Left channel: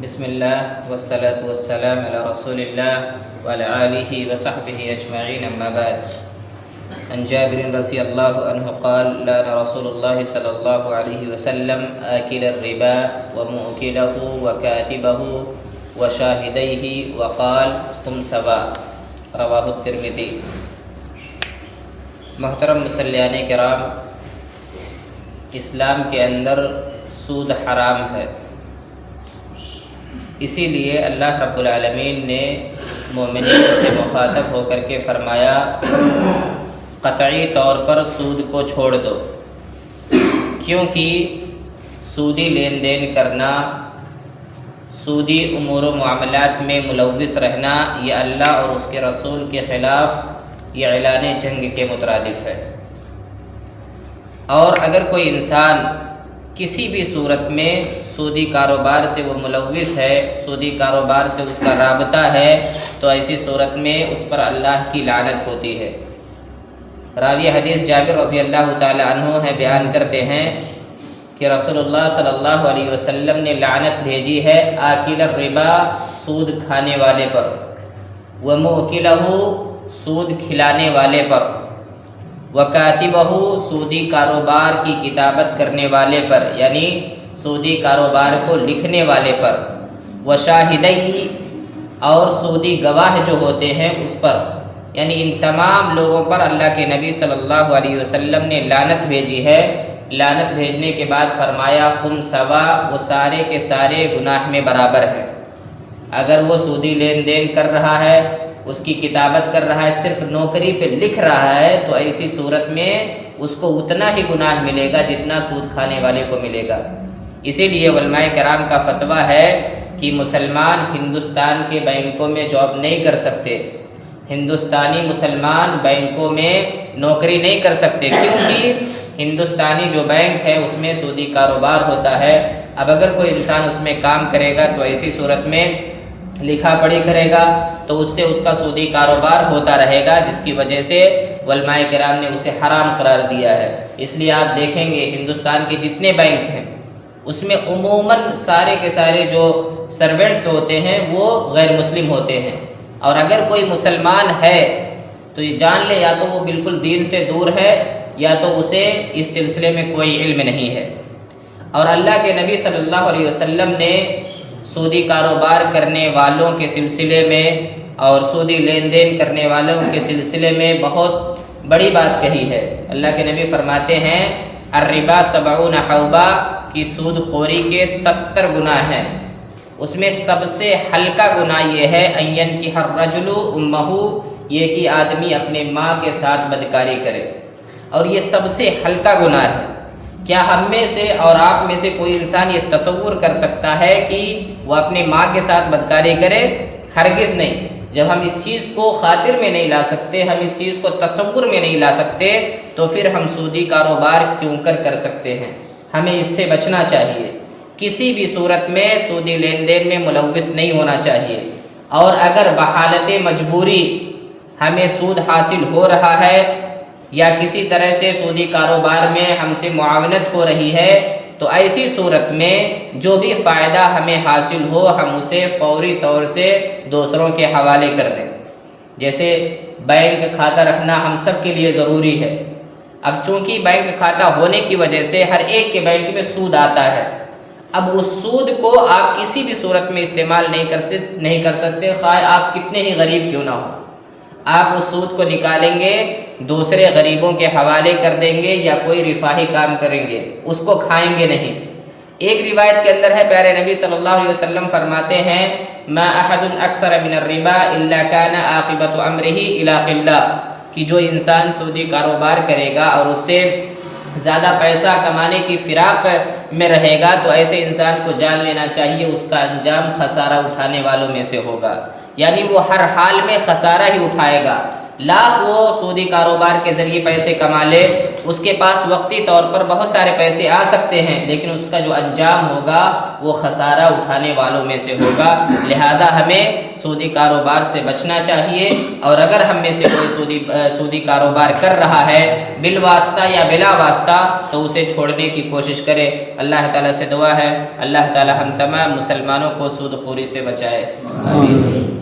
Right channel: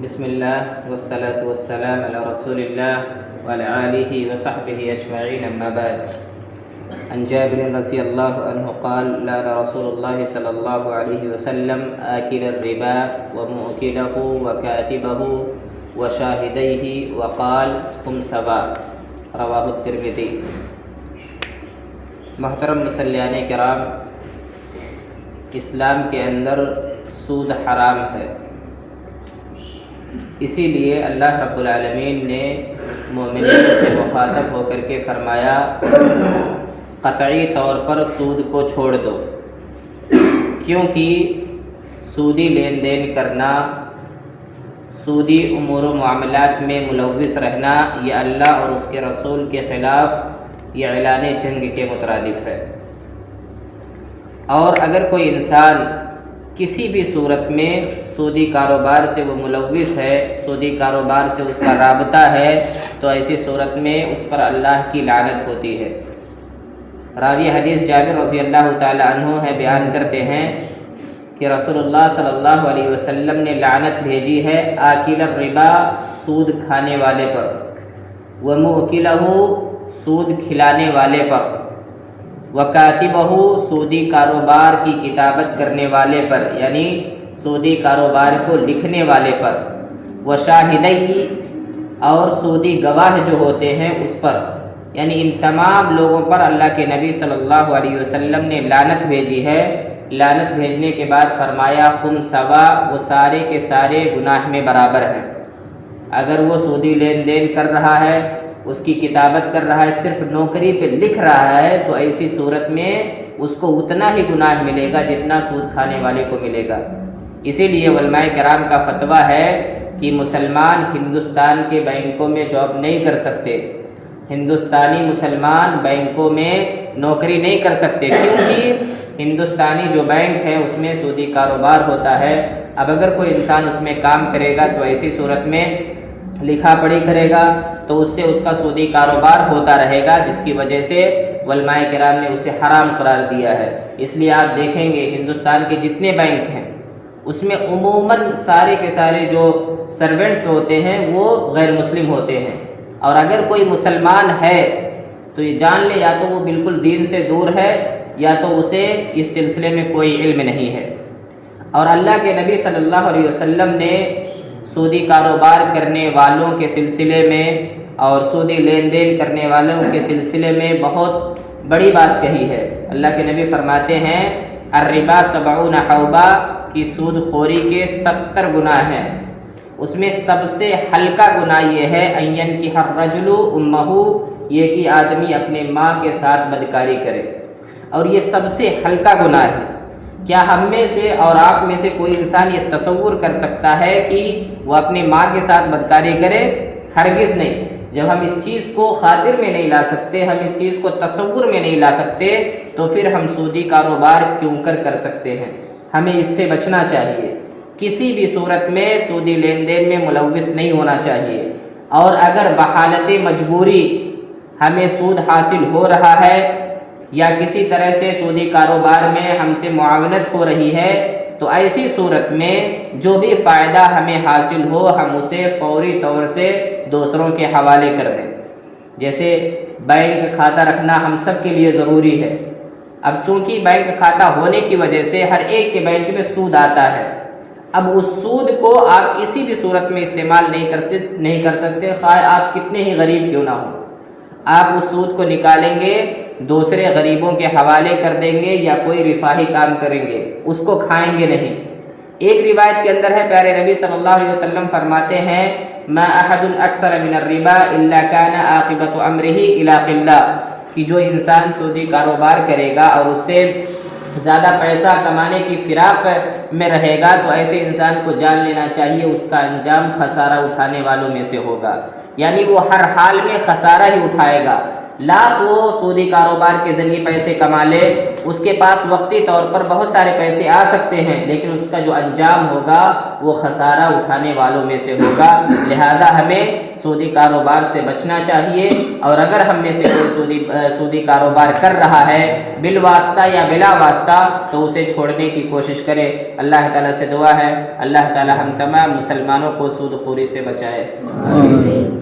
بسم الله والصلاة والسلام على رسول الله وعلى آله وصحبه أجمعين، أما بعد. عن جابر رضي الله عنه قال: لعن رسول الله صلى الله عليه وسلم آكل الربا ومؤكله وكاتبه وشاهديه وقال: هم سواء. رواہ الترمذی. محترم مصلیان کرام، اسلام کے اندر سود حرام ہے. اسی لیے اللہ رب العالمین نے مومنین سے مخاطب ہو کر کے فرمایا: قطعی طور پر سود کو چھوڑ دو، کیونکہ سودی لین دین کرنا، سودی امور و معاملات میں ملوث رہنا، یہ اللہ اور اس کے رسول کے خلاف یہ اعلان جنگ کے مترادف ہے. اور اگر کوئی انسان کسی بھی صورت میں سودی کاروبار سے وہ ملوث ہے، سودی کاروبار سے اس کا رابطہ ہے، تو ایسی صورت میں اس پر اللہ کی لعنت ہوتی ہے. راوی حدیث جابر رضی اللہ تعالی عنہ ہے، بیان کرتے ہیں کہ رسول اللہ صلی اللہ علیہ وسلم نے لعنت بھیجی ہے آکل الربا، سود کھانے والے پر، ومؤکلہ، سود کھلانے والے پر، وکاتبہ، سودی کاروبار کی کتابت کرنے والے پر، یعنی سودی کاروبار کو لکھنے والے پر، وشاہدیہ، اور سودی گواہ جو ہوتے ہیں اس پر، یعنی ان تمام لوگوں پر اللہ کے نبی صلی اللہ علیہ وسلم نے لعنت بھیجی ہے. لعنت بھیجنے کے بعد فرمایا: ہم سوا، وہ سارے کے سارے گناہ میں برابر ہیں. اگر وہ سودی لین دین کر رہا ہے، اس کی کتابت کر رہا ہے، صرف نوکری پہ لکھ رہا ہے، تو ایسی صورت میں اس کو اتنا ہی گناہ ملے گا جتنا سود کھانے والے کو ملے گا. اسی لیے علماء کرام کا فتویٰ ہے کہ مسلمان ہندوستان کے بینکوں میں جاب نہیں کر سکتے، ہندوستانی مسلمان بینکوں میں نوکری نہیں کر سکتے، کیونکہ ہندوستانی جو بینک ہے اس میں سودی کاروبار ہوتا ہے. اب اگر کوئی انسان اس میں کام کرے گا تو ایسی صورت میں لکھا پڑھی کرے گا، تو اس سے اس کا سودی کاروبار ہوتا رہے گا، جس کی وجہ سے علماء کرام نے اسے حرام قرار دیا ہے. اس لیے آپ دیکھیں گے ہندوستان کے جتنے بینک ہیں اس میں عموماً سارے کے سارے جو سرونٹس ہوتے ہیں وہ غیر مسلم ہوتے ہیں. اور اگر کوئی مسلمان ہے تو یہ جان لے یا تو وہ بالکل دین سے دور ہے، یا تو اسے اس سلسلے میں کوئی علم نہیں ہے. اور اللہ کے نبی صلی اللہ علیہ وسلم نے سودی کاروبار کرنے والوں کے سلسلے میں اور سودی لین دین کرنے والوں کے سلسلے میں بہت بڑی بات کہی ہے. اللہ کے نبی فرماتے ہیں: الربا 70 حوبا، کی سود خوری کے 70 گناہ ہیں. اس میں سب سے ہلکا گناہ یہ ہے ان ينكح الرجل امہ، یہ کہ آدمی اپنے ماں کے ساتھ بدکاری کرے. اور یہ سب سے ہلکا گناہ ہے. کیا ہم میں سے اور آپ میں سے کوئی انسان یہ تصور کر سکتا ہے کہ وہ اپنی ماں کے ساتھ بدکاری کرے؟ ہرگز نہیں. جب ہم اس چیز کو خاطر میں نہیں لا سکتے، ہم اس چیز کو تصور میں نہیں لا سکتے، تو پھر ہم سودی کاروبار کیوں کر سکتے ہیں؟ ہمیں اس سے بچنا چاہیے. کسی بھی صورت میں سودی لین دین میں ملوث نہیں ہونا چاہیے. اور اگر بحالت مجبوری ہمیں سود حاصل ہو رہا ہے یا کسی طرح سے سودی کاروبار میں ہم سے معاونت ہو رہی ہے، تو ایسی صورت میں جو بھی فائدہ ہمیں حاصل ہو ہم اسے فوری طور سے دوسروں کے حوالے کر دیں. جیسے بینک کھاتہ رکھنا ہم سب کے لیے ضروری ہے. اب چونکہ بینک کھاتہ ہونے کی وجہ سے ہر ایک کے بینک میں سود آتا ہے. اب اس سود کو آپ کسی بھی صورت میں استعمال نہیں کر سکتے، خواہ آپ کتنے ہی غریب کیوں نہ ہو. آپ اس سود کو نکالیں گے، دوسرے غریبوں کے حوالے کر دیں گے یا کوئی رفاہی کام کریں گے، اس کو کھائیں گے نہیں. ایک روایت کے اندر ہے، پیارے نبی صلی اللہ علیہ وسلم فرماتے ہیں: ما احد اکثر من الربا الا كان عاقبۃ امرہ الی قلہ، کہ جو انسان سودی کاروبار کرے گا اور اس سے زیادہ پیسہ کمانے کی فراق میں رہے گا، تو ایسے انسان کو جان لینا چاہیے اس کا انجام خسارہ اٹھانے والوں میں سے ہوگا. یعنی وہ ہر حال میں خسارہ ہی اٹھائے گا. لاکھ وہ سودی کاروبار کے ذریعے پیسے کما لے، اس کے پاس وقتی طور پر بہت سارے پیسے آ سکتے ہیں، لیکن اس کا جو انجام ہوگا وہ خسارہ اٹھانے والوں میں سے ہوگا۔ لہذا ہمیں سودی کاروبار سے بچنا چاہیے، اور اگر ہم میں سے کوئی سودی کاروبار کر رہا ہے بالواسطہ یا بلا واسطہ تو اسے چھوڑنے کی کوشش کرے۔ اللہ تعالیٰ سے دعا ہے اللہ تعالیٰ ہم تمام مسلمانوں کو سود خوری سے بچائے۔ آمین۔